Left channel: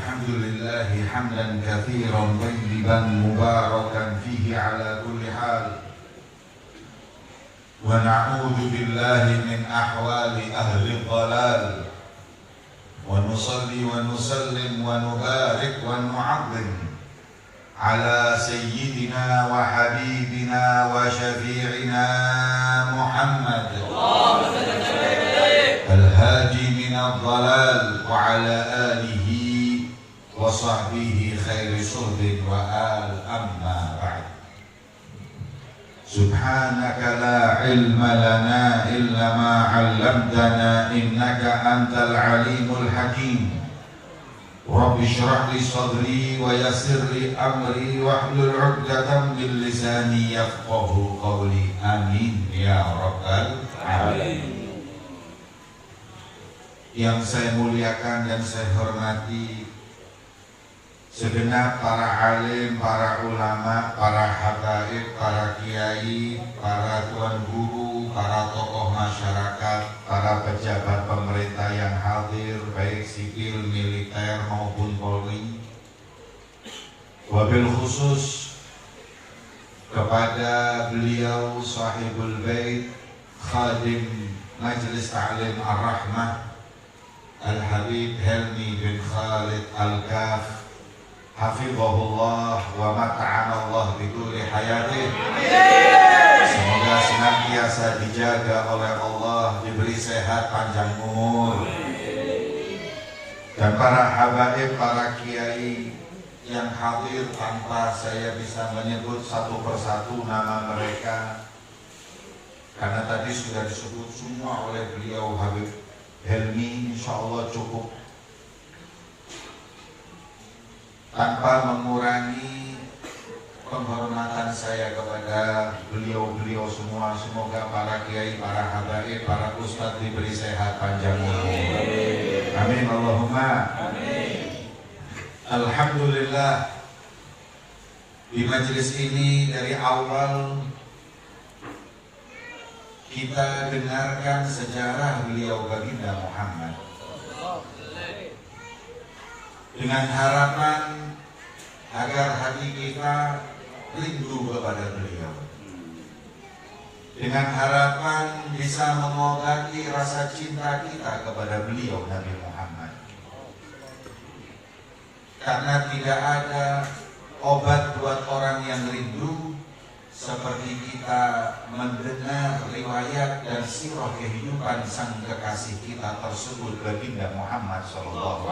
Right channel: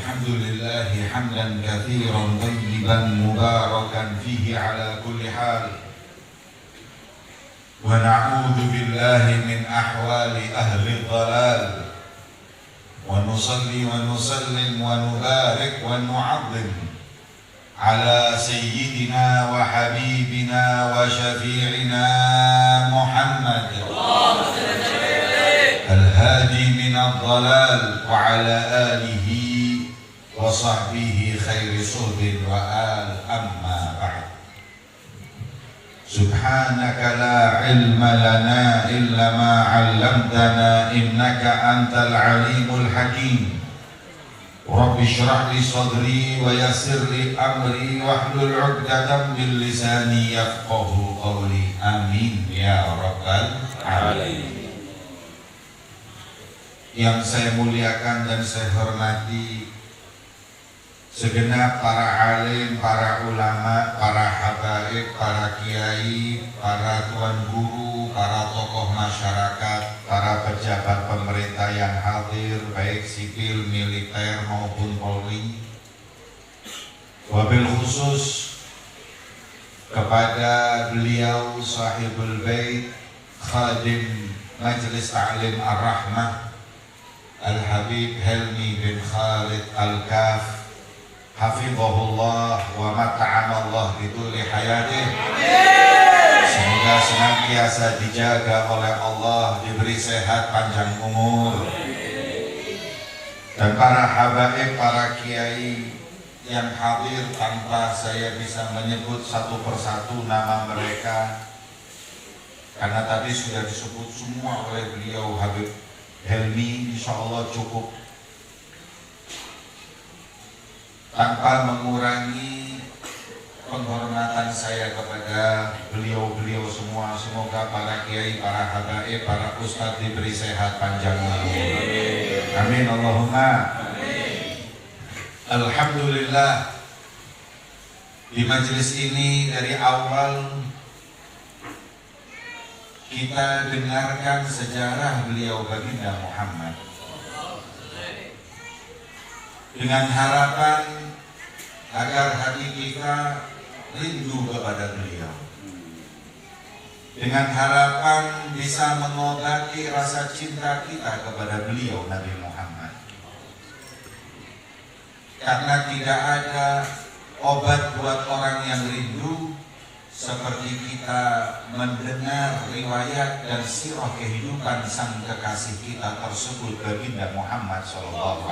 الحمد لله حمدا كثيرا طيبا مباركا فيه على كل حال، ونعوذ بالله من أحوال أهل الضلال، ونصلي ونسلم ونبارك ونعظم على سيدنا وحبيبنا وشفيعنا محمد الهادي من الضلال، وعلى آله وصحبه خير صحب وآل. أما بعد، سبحانك لا علم لنا إلا ما علمتنا إنك أنت العليم الحكيم. رب اشرح لي صدري ويسر لي أمري واحلل عقدة من لساني يفقه قولي. آمين يا رب العالمين. Yang saya muliakan dan saya hormati segenap para alim, para ulama, para habaib, para kiai, para tuan guru, para tokoh masyarakat, para pejabat pemerintah yang hadir, baik sipil, militer maupun Polri. Wabil khusus kepada beliau sahibul bait, khadim Majelis Ta'lim Ar-Rahmah, Al-Habib Helmi bin Khalid Al-Kaf, hafizahullah wa mata'amallah bituli hayatih. Semoga senantiasa dijaga oleh Allah, diberi sehat panjang umur. Dan para habaib, para kiai yang hadir, tanpa saya bisa menyebut satu persatu nama mereka, karena tadi sudah disebut semua oleh beliau Habib Helmi, insya Allah cukup. Tanpa mengurangi penghormatan saya kepada beliau-beliau semua, semoga para kiai, para habaib, para ustadz diberi sehat panjang umur. Amin Allahumma amin. Alhamdulillah, di majelis ini dari awal kita dengarkan sejarah beliau baginda Muhammad, dengan harapan agar hati kita rindu kepada beliau, dengan harapan bisa mengobati rasa cinta kita kepada beliau Nabi Muhammad. Karena tidak ada obat buat orang yang rindu seperti kita mendengar riwayat dan sirah kehidupan sang kekasih kita tersebut baginda Muhammad SAW.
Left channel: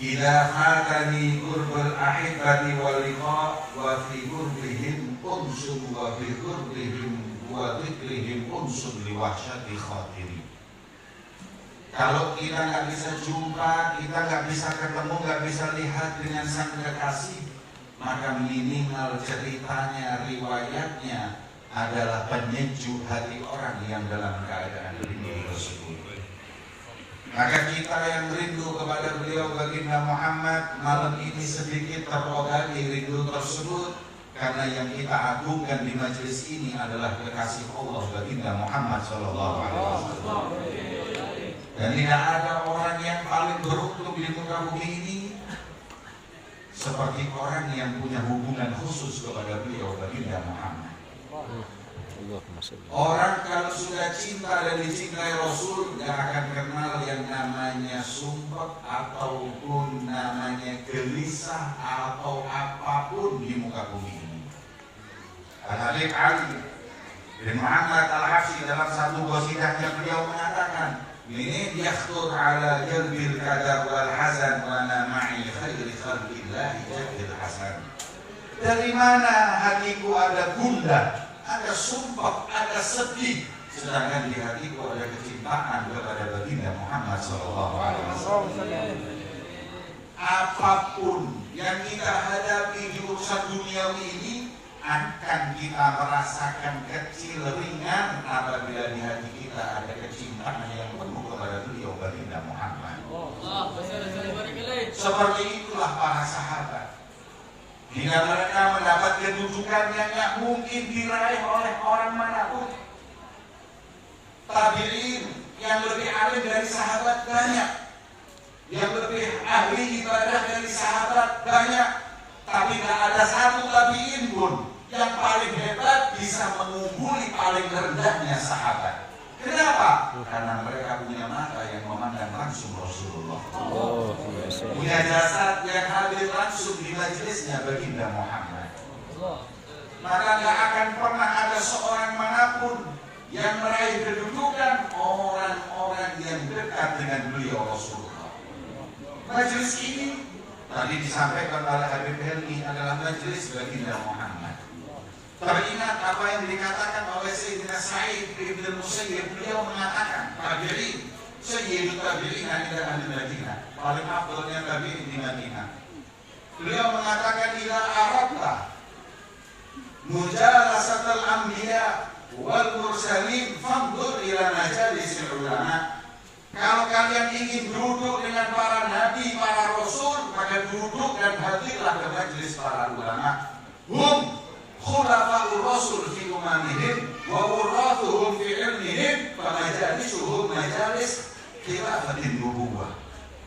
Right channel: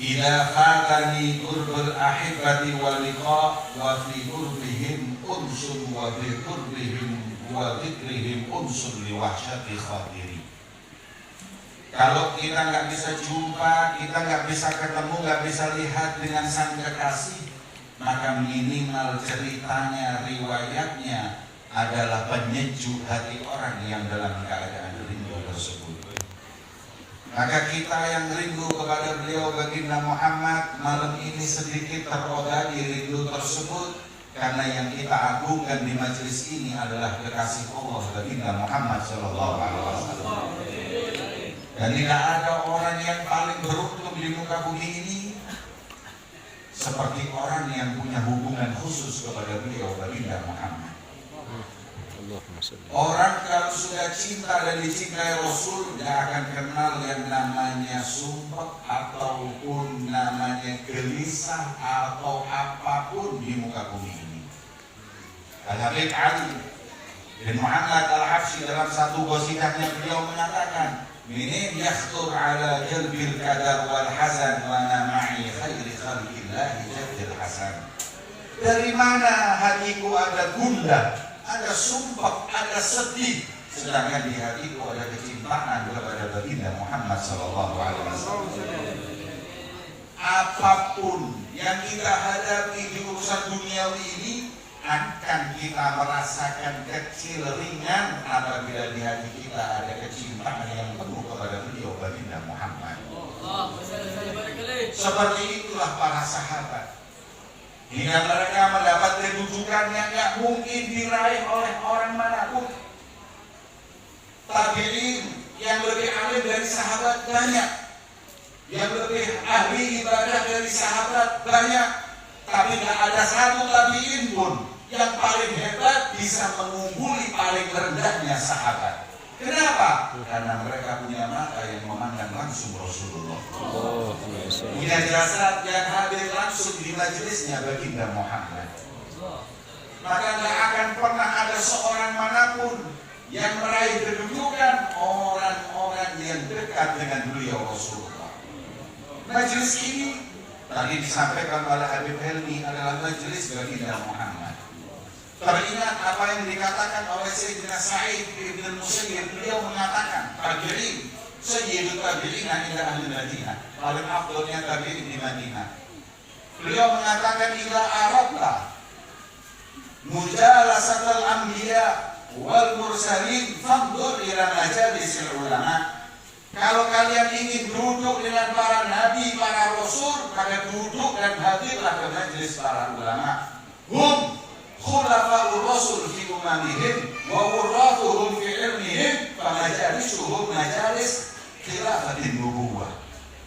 Idza fatani qurbul ahibati wal liqa wa fi qurbihim unsun wa fi qurbihim wa dzikrihim unsun li wahsyati khatiri. Kalau kita nggak bisa jumpa, kita nggak bisa ketemu, nggak bisa lihat dengan sang kekasih, maka minimal ceritanya, riwayatnya adalah penyejuk hati orang yang dalam keadaan rindu tersebut. Maka kita yang rindu kepada beliau baginda Muhammad, malam ini sedikit terobati rindu tersebut, karena yang kita agungkan di majelis ini adalah kekasih Allah baginda Muhammad SAW. Dan tidak ada orang yang paling beruntung di muka bumi ini seperti orang yang punya hubungan khusus kepada beliau baginda Muhammad. Orang kalau sudah cinta dan dicintai Rasul, tidak akan kenal yang namanya sumpah ataupun namanya gelisah atau apapun di muka bumi ini. Al-Habib Ali bin Muhammad Al-Habsyi dalam satu qasidahnya beliau mengatakan, "Min yakhtur ala jalbil kadar wal hazan lana ma'i khairi khalqillahi jadil hasan." Dari mana hatiku ada gundah, ada sumpah, ada sedih, sedangkan di hatiku ada kecintaan kepada baginda Muhammad SAW. Apapun yang kita hadapi di urusan duniawi ini akan kita merasakan kecil ringan apabila di hati kita ada kecintaan yang penuh kepada beliau baginda Muhammad. Seperti itulah para sahabat. Jika mereka mendapat kedudukan yang tidak mungkin diraih oleh orang manapun, tabi'in yang lebih alim dari sahabat banyak, yang lebih ahli ibadah dari sahabat banyak, tapi nggak ada satu tabiin pun yang paling hebat bisa mengungguli paling rendahnya sahabat. Kenapa? Karena mereka punya mata yang memandang langsung Rasulullah. Punya jasad yang hadir langsung di majelisnya baginda Muhammad. Maka nggak akan pernah ada seorang manapun yang meraih kedudukan orang-orang yang dekat dengan beliau Rasulullah. Majelis ini tadi disampaikan oleh Habib Helmi adalah majelis baginda Muhammad. Teringat apa yang dikatakan oleh Sayyidina Sa'id bin Musayyib. Beliau mengatakan tabi'in sayyidul tabi'in ila ahli Madinah, paling afdalnya tabi'in di Madinah. Beliau mengatakan ila arabta mujalasatul anbiya wal mursalin fandur ila majalisil ulama. Kalau kalian ingin duduk dengan para nabi, para rasul, maka duduk dan hadirlah ke majelis para ulama. Khulafa'ur rasul fi umamihim wa wurratuhum fi ilmihim famajalisuhum majalis khilafatin nubuwah.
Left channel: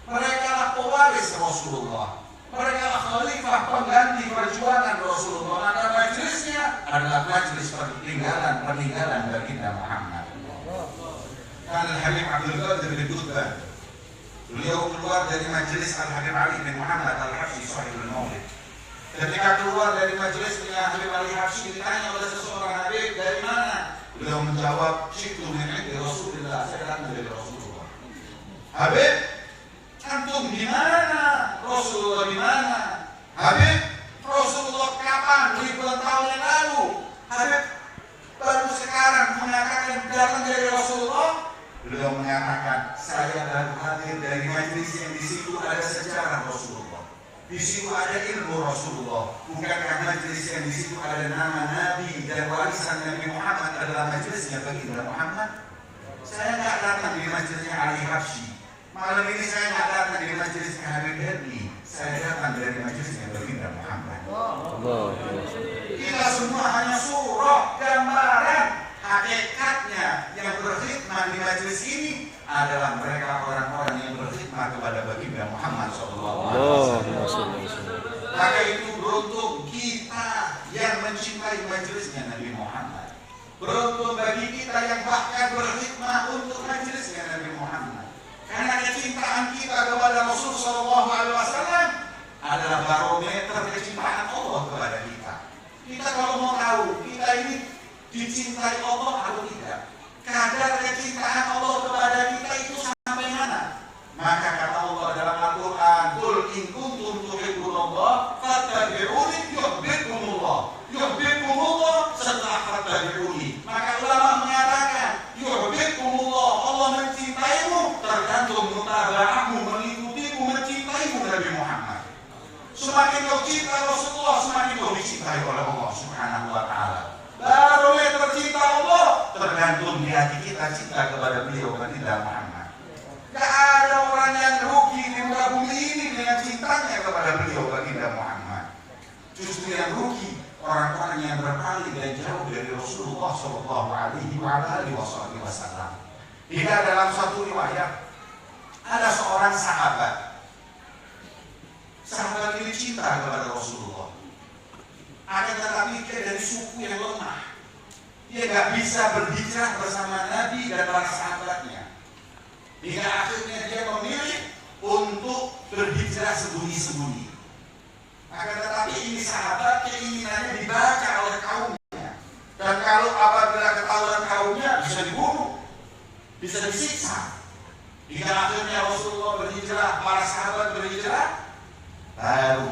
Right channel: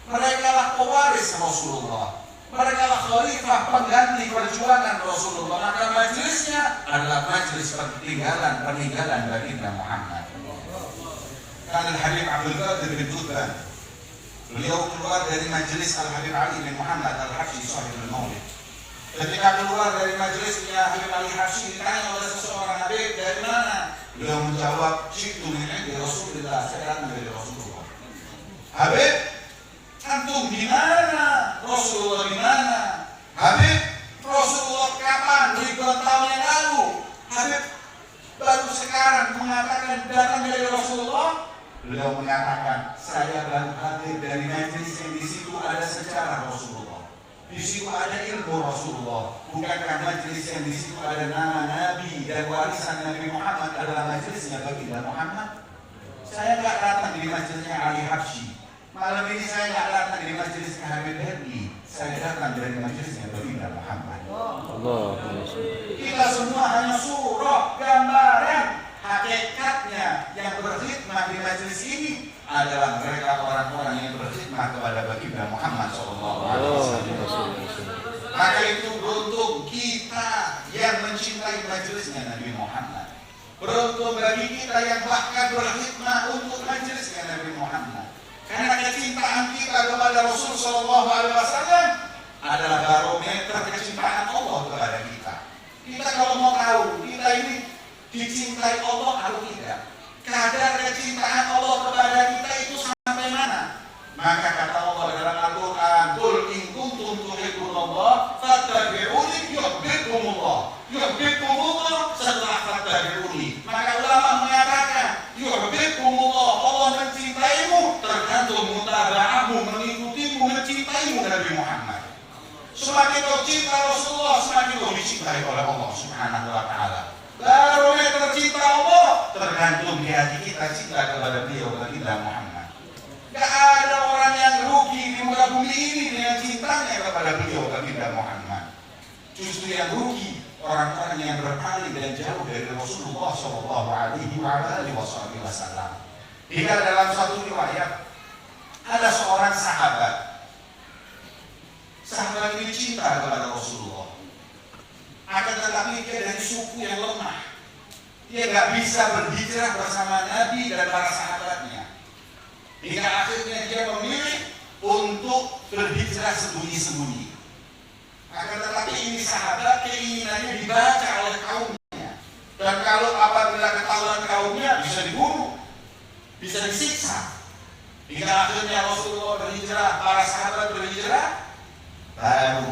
Mereka lah pewaris Rasulullah, mereka lah khalifah pengganti perjuangan Rasulullah. Maka majelisnya adalah majelis peninggalan baginda Muhammad. Al-Habib Abdul Qadir bin Dudban, beliau keluar dari majelis Al-Habib Ali bin Muhammad Al-Habsyi Sahibul Maulid. Ketika keluar dari majelisnya Habib Ali Habsyi, ditanya oleh seseorang, Habib dari mana? Beliau menjawab, "Syi'tu min 'indi Rasulillah," saya datang dari Rasulullah. Habib, antum di mana? Rasulullah di mana? Habib, Rasulullah kapan? Ribuan tahun yang lalu. Habib baru sekarang mengatakan datang dari Rasulullah. Beliau mengatakan, saya baru hadir dari majelis yang di situ ada sejarah Rasulullah, di situ ada ilmu Rasulullah. Bukankah majelis yang di situ ada nama Nabi dan warisan Nabi Muhammad adalah majelisnya baginda Muhammad? Saya tidak datang di majelisnya Ali Habsyi. Malam ini saya tidak datang di majelisnya Habib Helmi. Saya datang dari majelisnya baginda Muhammad. Kita semua hanya surah, gambaran. Hakikatnya yang berkhidmat di majelis ini adalah mereka orang-orang yang berkhidmat kepada baginda Muhammad SAW. Maka itu beruntung kita yang mencintai majelisnya Nabi Muhammad. Beruntung bagi kita yang bahkan berkhidmat untuk majelisnya Nabi Muhammad. Karena kecintaan kita kepada Rasulullah SAW adalah barometer kecintaan Allah kepada kita. Kita kalau mau tahu kita ini dicintai Allah atau tidak, kadar kecintaan Allah kepada kita itu sampai mana? Maka kata Allah dalam Al-Quran, "Qul in kuntum tuhibbunallah fattabi'uni yuhibbukumullah." Yuhibbukumullah setelah fattabi'uni. Maka ulama mengatakan yuhibbukumullah, Allah mencintaimu tergantung mutaba'ahmu, mengikutimu, mencintaimu Nabi Muhammad. Semakin kau cinta Rasulullah, semakin kau dicintai oleh Allah Subhanahu wa Ta'ala. Barometer cinta Allah tergantung di hati kita cinta kepada beliau baginda Muhammad. Gak ada orang yang rugi di muka bumi ini dengan cintanya kepada beliau baginda Muhammad. Justru yang rugi orang-orang yang berpaling dan jauh dari Rasulullah SAW. Hingga dalam satu riwayat ada seorang sahabat ini cinta kepada Rasulullah. Akan tetapi dia dari suku yang lemah. Dia nggak bisa berhijrah bersama Nabi dan para sahabatnya. Hingga akhirnya dia memilih untuk berhijrah sembunyi-sembunyi. Akan tetapi ini sahabat keinginannya dibaca oleh kaumnya. Dan kalau apabila ketahuan kaumnya bisa dibunuh, bisa disiksa. Hingga akhirnya Rasulullah berhijrah, para sahabat berhijrah, baru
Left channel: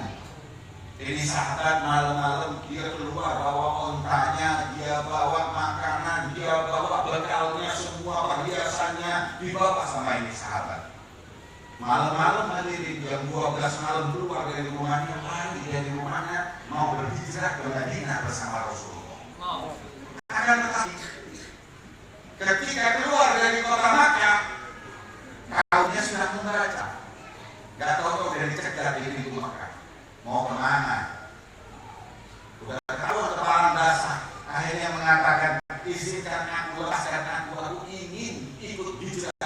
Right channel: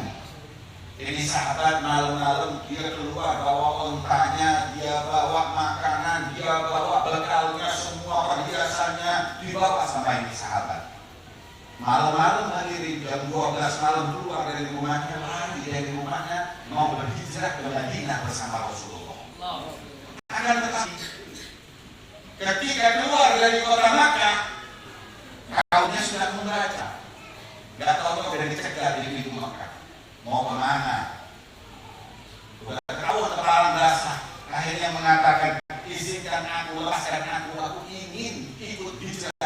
ini sahabat malam-malam dia keluar bawa ontanya, dia bawa makanan, dia bawa bekalnya, semua perhiasannya dibawa sama ini sahabat. Malam-malam hadirin jam 12 malam keluar dari rumahnya, lari dari rumahnya mau berhijrah ke Madinah bersama Rasulullah. Akan tetapi ketika keluar dari kota Makkah, kaumnya sudah membaca. Gak tahu dari cegat di pintu Makkah. Mau kemana? Udah tahu kepalan basah. Akhirnya mengatakan, izinkan aku, lepaskan aku ingin ikut hijrah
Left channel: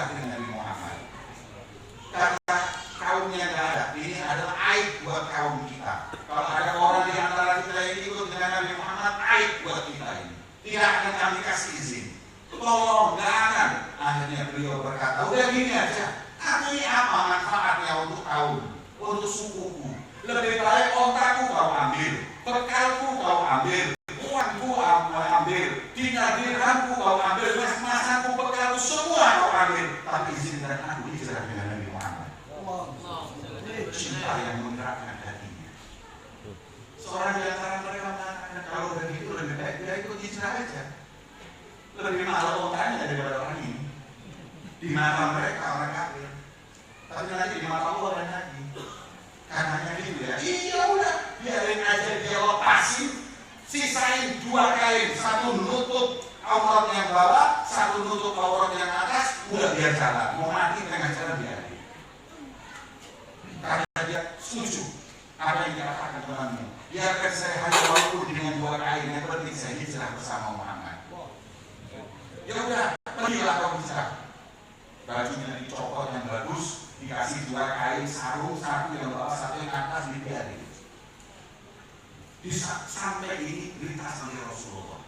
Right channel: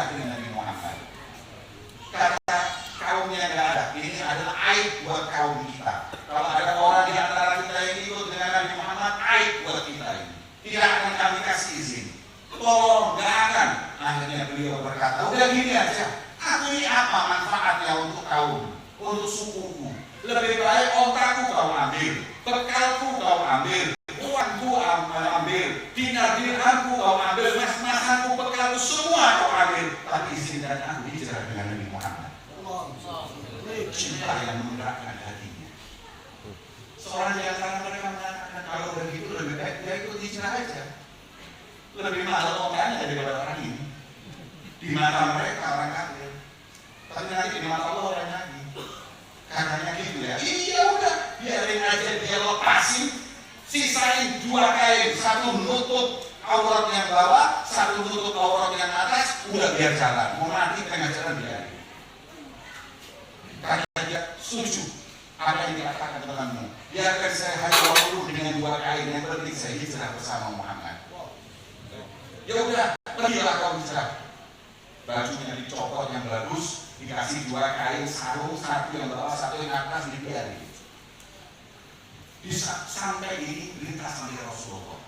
buat kaum kita. Kalau ada orang di antara kita yang ikut dengan Nabi Muhammad, aib buat kita ini. Tidak akan kami kasih izin. Tolong, gak akan. Akhirnya beliau berkata, udah gini aja. Aku ini apa manfaatnya untuk kaum, untuk sukuku? Lebih baik ontaku kau ambil, bekalku kau ambil, uangku ambil, dinar dirhamku kau ambil, mas-masanku, bekalku semua kau ambil. Tapi izinkan aku bicara dengan Nabi Muhammad. Cinta yang menggerakkan hatinya. Seorang di antara mereka mengatakan kalau begitu lebih baik dia ikut izin aja. Lebih mahal ontanya daripada orang ini. Di mata mereka orang kafir, tapi nanti di mata Allah orang Nabi. Karena gitu ya. Iya udah, biarin aja dia lepasin, sisain 2 kain, satu nutup aurat yang bawah, satu nutup aurat yang atas, udah biar jalan. Mau mati tengah jalan biar. Karena dia setuju apa yang dikatakan temanmu. Biarkan saya hanya walaupun dengan 2 kain, yang penting saya hijrah bersama Muhammad. Ya udah, pergilah kau hijrah. Bajunya dicopot yang bagus, dikasih 2 kain sarung, satu yang bawah, satu yang atas, dibiarin. Sampai ini lintas oleh Rasulullah.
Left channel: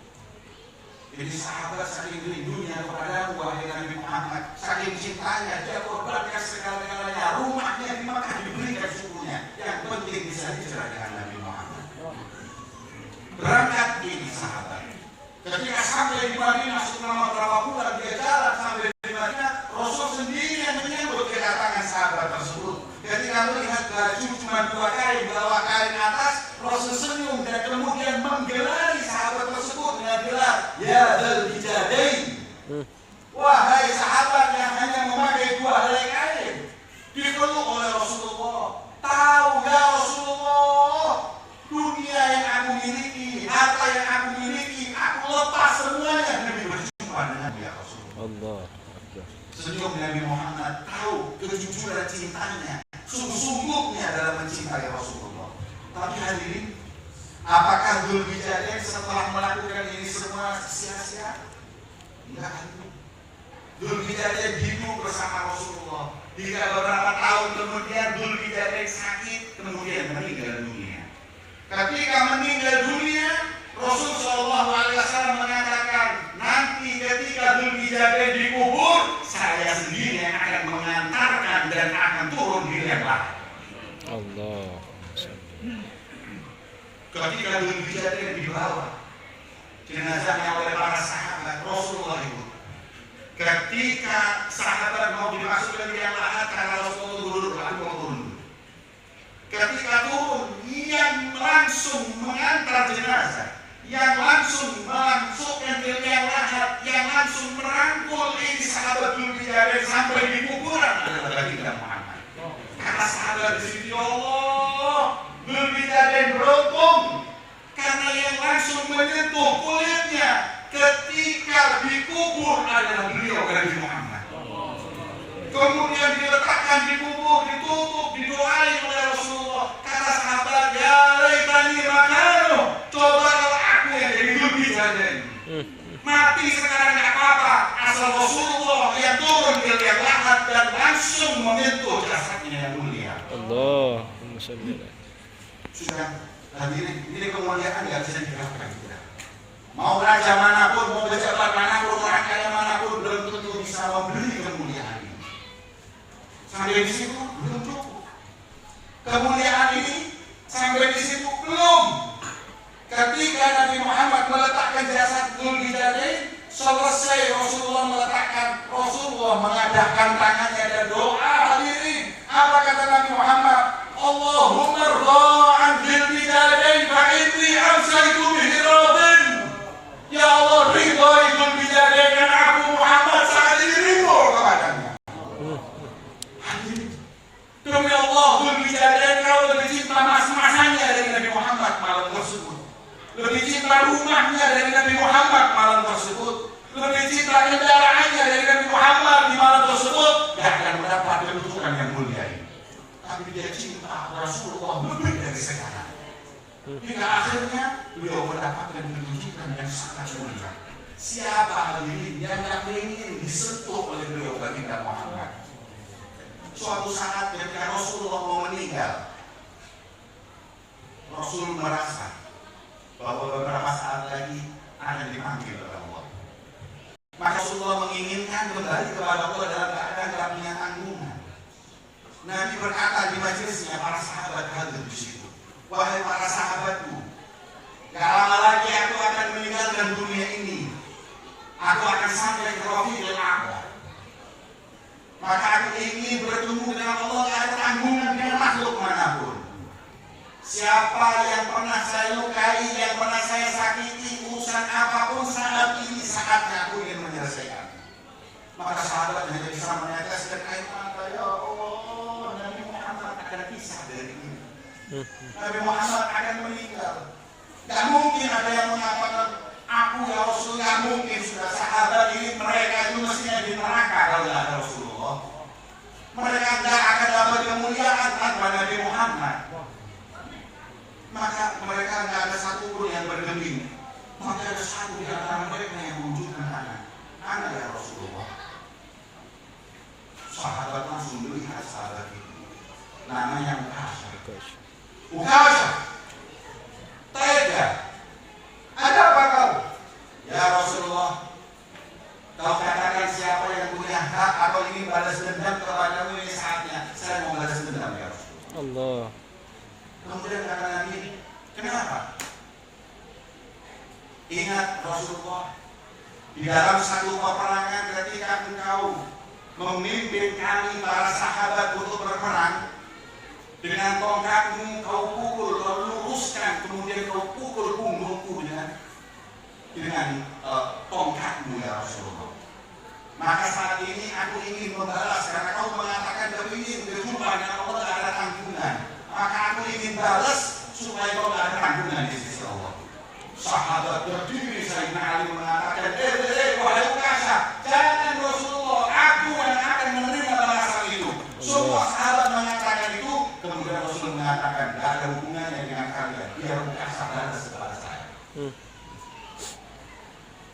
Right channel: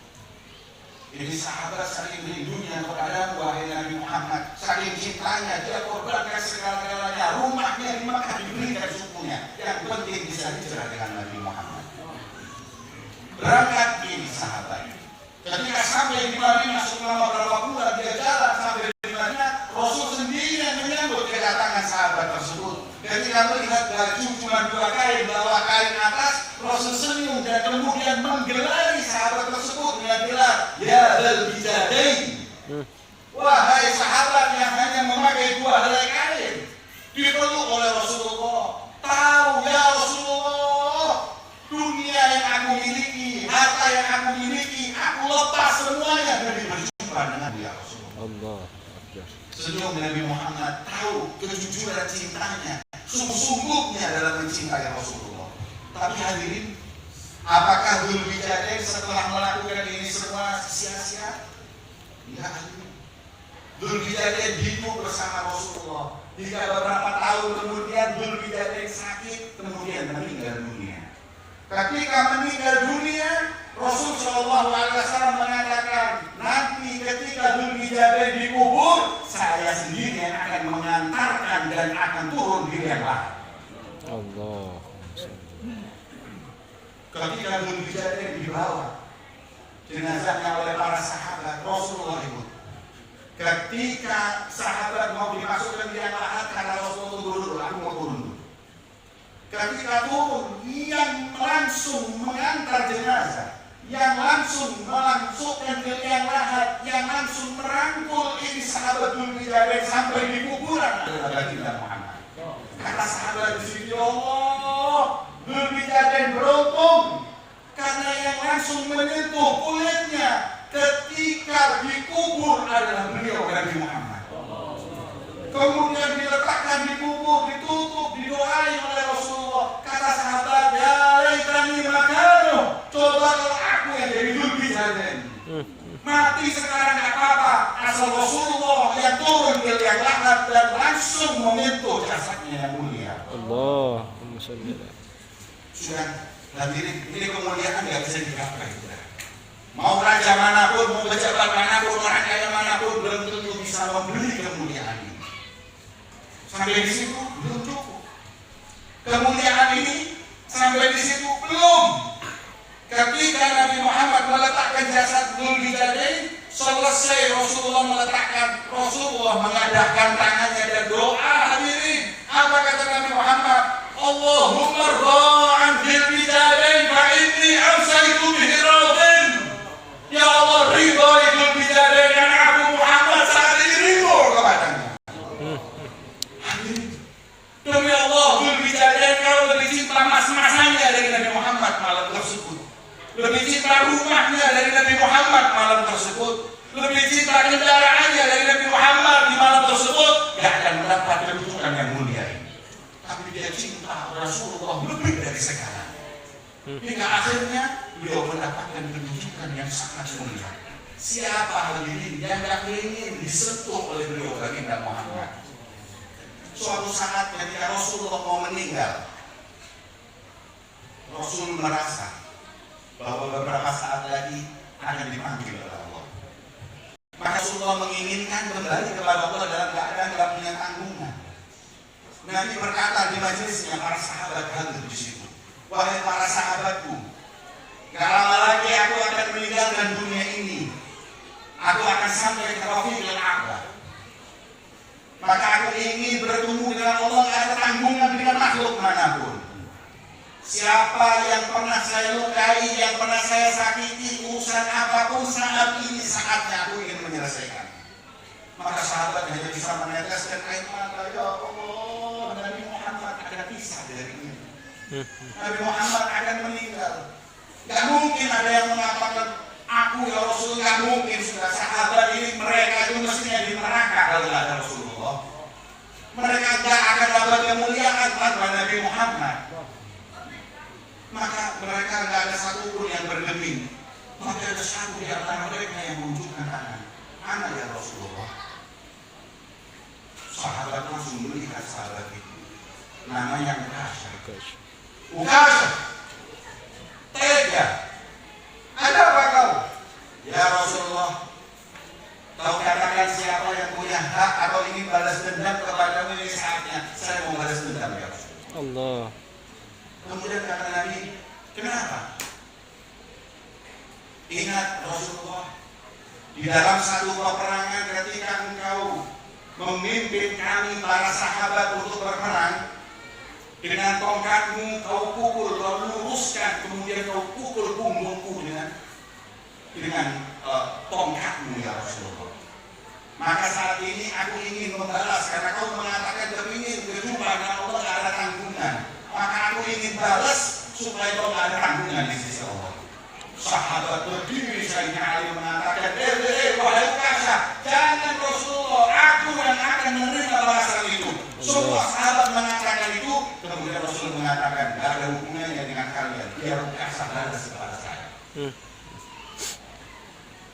Ini sahabat saking rindunya kepada wahai Nabi Muhammad, saking cintanya dia korbankan segala-galanya, rumahnya di Makkah diberikan sukunya. Yang penting bisa hijrah dengan Nabi Muhammad. Berangkat ini sahabat. Ketika sampai di Madinah selama berapa bulan dia jalan sampai di Madinah, Rasul sendiri yang menyambut kedatangan sahabat tersebut. Ketika melihat baju cuma 2 kain, bawah kain atas, Rasul senyum dan kemudian menggelari sahabat tersebut dengan gelar Ya Dzal Bijadain. Wahai sahabat yang hanya memakai 2 helai kain, dipeluk oleh Rasulullah. Tahu ya Rasulullah, dunia yang aku miliki, harta yang aku miliki, aku lepas semuanya demi berjumpa dengan ya Rasulullah. Allah. Senyum Nabi Muhammad tahu kejujuran cintanya, sungguh-sungguhnya dalam mencintai Rasulullah. Tapi hadirin, apakah Dzul Bijadain setelah melakukan ini semua sia-sia? Tidak hadirin. Dzul Bijadain hidup bersama Rasulullah. Hingga beberapa tahun kemudian Dzul Bijadain sakit, kemudian meninggal dunia. Ketika meninggal dunia, Rasul Shallallahu Alaihi Wasallam mengatakan, nanti ketika Dzul Bijadain dikubur, saya sendiri yang akan mengantarkan dan akan turun di lembah. Allah. Ketika Dzul Bijadain dibawa jenazahnya oleh para sahabat Rasulullah itu, ketika sahabat mau dimasukkan di lahat karena Rasulullah turun, aku mau turun. Ketika turun, yang langsung mengantar jenazah, yang langsung memasukkan ke liang lahat, yang langsung merangkul ini sahabat Dzul Bijadain sampai di kuburan adalah baginda Muhammad. Kata sahabat di sini, Allah, Dzul Bijadain beruntung karena yang langsung menyentuh kulitnya ketika dikubur adalah beliau Nabi Muhammad. Kemudian diletakkan di kubur, ditutup, didoain oleh Rasulullah. Kata sahabat, ya laitani makanu, coba aku yang jadi Dzul Bijadain. Mati sekarang nggak apa-apa, asal Rasulullah yang turun ke liang lahat dan langsung menyentuh jasadnya yang mulia. Allahumma sholli alaihi. Sudah hadirin, ini kemuliaan nggak bisa digerakkan. Mau raja manapun, mau pejabat manapun, orang kaya manapun, belum tentu bisa membeli kemuliaan ini. Sampai di situ belum cukup. Kemuliaan ini sampai di situ belum. Ketika Nabi Muhammad meletakkan jasad Dzul Bijadain, selesai Rasulullah meletakkan, Rasulullah mengadahkan tangannya dan doa. Hadirin, apa kata Nabi Muhammad? Allahumma ra'an Dzul Bijadain fa inni amsaytu bihi radin. Ya Allah, ridho Dzul Bijadain yang aku Muhammad saat ini ridho kepadanya. Hadirin, demi Allah, Dzul Bijadain kalau lebih cinta mas-masannya dari Nabi Muhammad malam tersebut, lebih cinta rumahnya dari Nabi Muhammad malam tersebut, lebih cinta kendaraannya dari Nabi Muhammad di malam tersebut, gak akan mendapat kedudukan yang mulia ini. Tapi dia cinta Rasulullah lebih dari sekarang. Hingga akhirnya beliau mendapatkan kedudukan yang sangat mulia. Siapa hadirin yang gak ingin disentuh oleh beliau baginda Muhammad? Suatu saat ketika Rasulullah mau meninggal, Rasul merasa bahwa beberapa saat lagi akan dipanggil oleh Allah. Maka Rasulullah menginginkan kembali kepada Allah dalam keadaan tidak punya tanggungan. Nabi berkata di majelisnya para sahabat hadir di situ, wahai para sahabatku, gak lama lagi aku akan meninggalkan dunia ini. Aku akan sampai ke Rafiqil A'la. Maka aku ingin bertemu dengan Allah, gak ada tanggungan dengan makhluk manapun. Siapa yang pernah saya lukai, yang pernah saya sakiti, urusan apapun saat ini saatnya aku ingin menyelesaikan. Maka sahabat hanya bisa meneteskan air mata, ya Allah, Nabi Muhammad akan pisah dari ini. Nabi Muhammad akan meninggal. Gak mungkin ada yang mengatakan, aku ya Rasul, gak mungkin sudah sahabat ini, mereka itu mestinya di neraka kalau gak ada Rasulullah. Mereka gak akan dapat kemuliaan tanpa Nabi Muhammad. Maka mereka tidak ada satu pun yang bergeming. Maka ada satu di antara mereka yang mewujudkan anak ya Rasulullah. Sahabat langsung melihat sahabat itu. Namanya Ukasha. Tega. Ada apa kau? Ya Rasulullah, kau katakan siapa yang punya hak atau ingin balas dendam kepadamu, ini saatnya saya mau balas dendam ya Rasulullah. Allah. Kemudian kata Nabi, kenapa? Ingat Rasulullah, di dalam satu peperangan ketika engkau memimpin kami para sahabat untuk berperang, dengan tongkatmu kau pukul, kau luruskan, kemudian kau pukul punggungku dengan tongkatmu ya Rasulullah. Maka saat ini aku ingin membalas karena kau mengatakan ingin berjumpa dengan Allah tidak ada tanggungan. Maka aku ingin balas supaya kau tidak ada tanggungan di sisi Allah. Sahabat berdiri Sayyidina Ali mengatakan, wahai Ukasha, jangan Rasulullah, aku yang akan menerima balasan itu. Semua sahabat mengatakan itu, kemudian Rasul mengatakan, tidak ada hubungannya dengan kalian. Biar Ukasha balas kepada saya.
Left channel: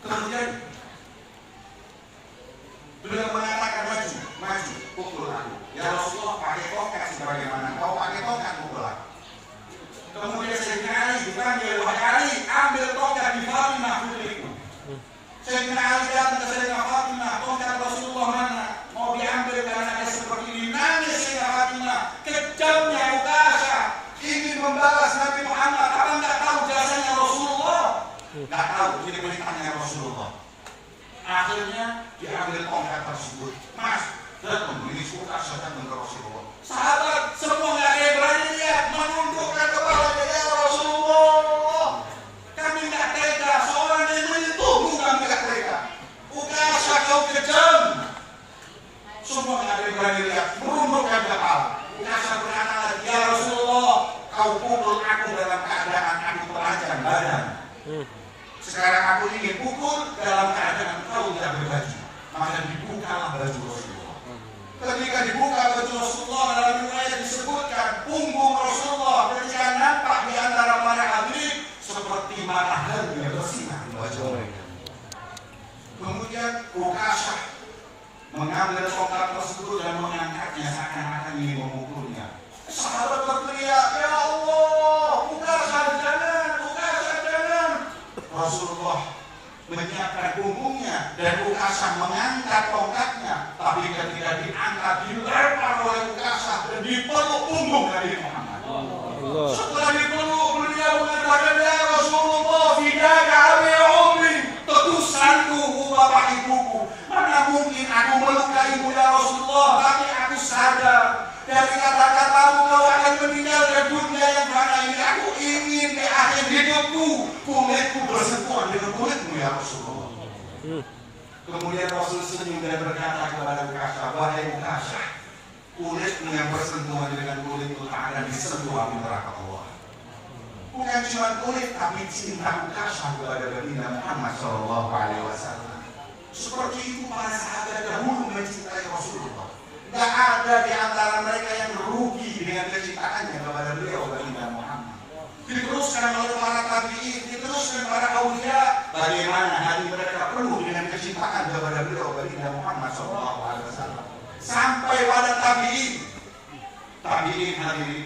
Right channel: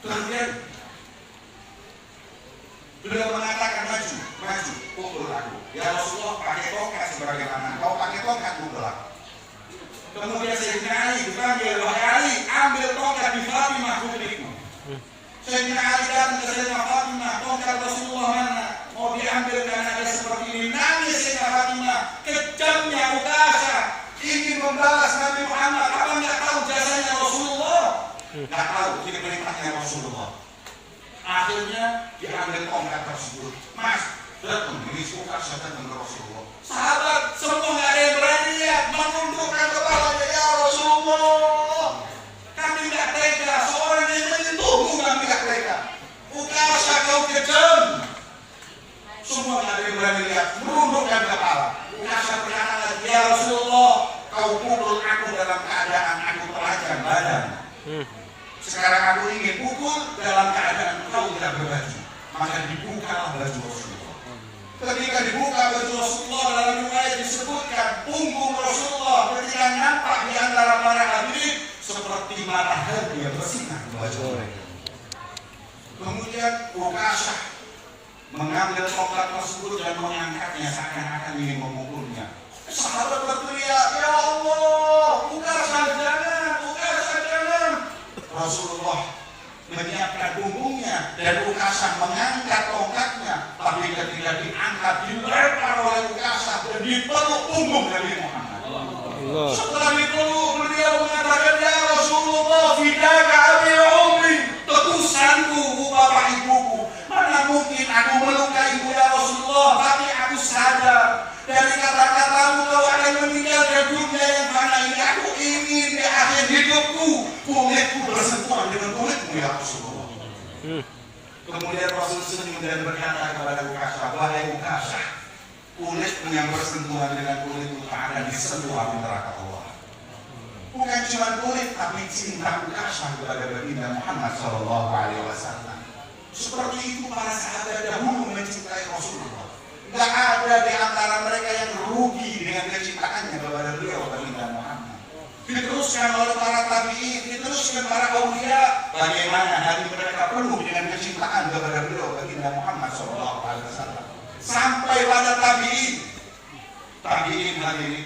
Kemudian beliau mengatakan, maju, pukul aku. Ya Rasulullah, pakai tongkat sebagaimana. Kau pakai tongkat pukul aku. Kemudian Sayyidina Ali dipanggil, wahai Ali, ambil tongkat di Fatimah putriku. Sayyidina Ali datang ke Sayyidina Fatimah, tongkat Rasulullah mana? Mau diambil karena ada seperti ini. Nangis Sayyidina Fatimah, kejamnya Ukasha ingin membalas Nabi Muhammad. Apa enggak tahu jasanya Rasulullah? Enggak tahu, ini perintahnya Rasulullah. Akhirnya diambil tongkat tersebut. Mas, datang ini Ukasha datang ke Rasulullah. Sahabat semua enggak ada yang berani lihat, menundukkan kepala, ya Rasulullah. Kami enggak tega, seorang yang menyentuhmu kami enggak tega. Ukasha kau kejam. Semua enggak ada yang berani lihat, menundukkan kepala. Ukasha berkata lagi, ya Rasulullah, kau pukul aku dalam keadaan aku telanjang badan. Sekarang aku ingin pukul dalam keadaan kau tidak berbaju. Maka dibukalah baju Rasulullah. Ketika dibuka baju Rasulullah, dalam riwayat disebutkan punggung Rasulullah ketika nampak di antara para hadirin seperti matahari yang bersinar baju. Kemudian Ukasha mengambil tongkat tersebut dan mengangkatnya seakan-akan ingin memukulnya. Sahabat berteriak, ya Allah, Ukasha jangan, Ukasha jangan. Rasulullah menyiapkan punggungnya dan Ukasha mengangkat tongkatnya, tapi ketika diangkat dilempar oleh Ukasha dan dipeluk punggung Nabi Muhammad. Setelah dipeluk beliau mengatakan, ya Rasulullah, fidaka abi umri, tebusanku bapak ibuku. Mana mungkin aku melukai ibu ya Rasulullah, tapi aku sadar dari kata-katamu bahwa akan meninggalkan dunia yang mana ini. Aku ingin di akhir hidupku kulitku bersentuhan dengan kulitmu ya Rasulullah. Kemudian Rasul senyum dan berkata kepada Ukasha, wahai Ukasha, kulitmu yang bersentuhan dengan kulitmu akan disentuh api neraka Allah. Bukan cuma kulit, tapi cinta Ukasha kepada baginda Muhammad SAW. Seperti itu para sahabat dahulu mencintai Rasulullah. Tidak ada di antara mereka yang rugi dengan kecintaannya kepada beliau baginda Muhammad. Diteruskan oleh para tabi'in, diteruskan para aulia, bagaimana hati mereka penuh dengan kecintaan kepada beliau baginda Muhammad SAW. Sampai pada tabi'in hadirin,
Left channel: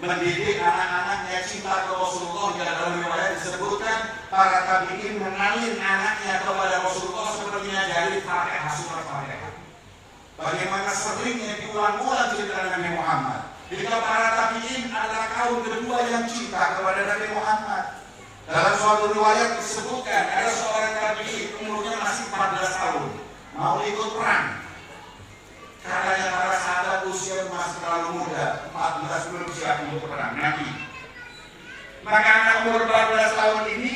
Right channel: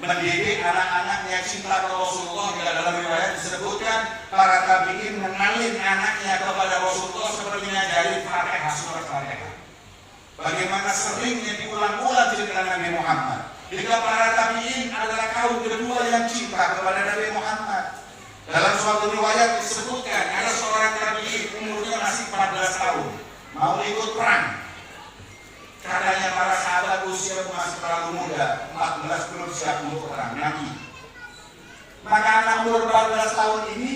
mendidik anak-anaknya cinta kepada Rasulullah. Hingga dalam riwayat disebutkan para tabi'in menalin anaknya kepada Rasulullah seperti ngajari Fatihah, surat Fatihah. Bagaimana seringnya diulang-ulang cerita Nabi Muhammad. Jika para tabi'in adalah kaum kedua yang cinta kepada Nabi Muhammad. Dalam suatu riwayat disebutkan ada seorang tabi'in umurnya masih 14 tahun mau ikut perang. Katanya para sahabat usia masih terlalu muda, 14 belum siap untuk perang, mati. Maka anak umur 14 tahun ini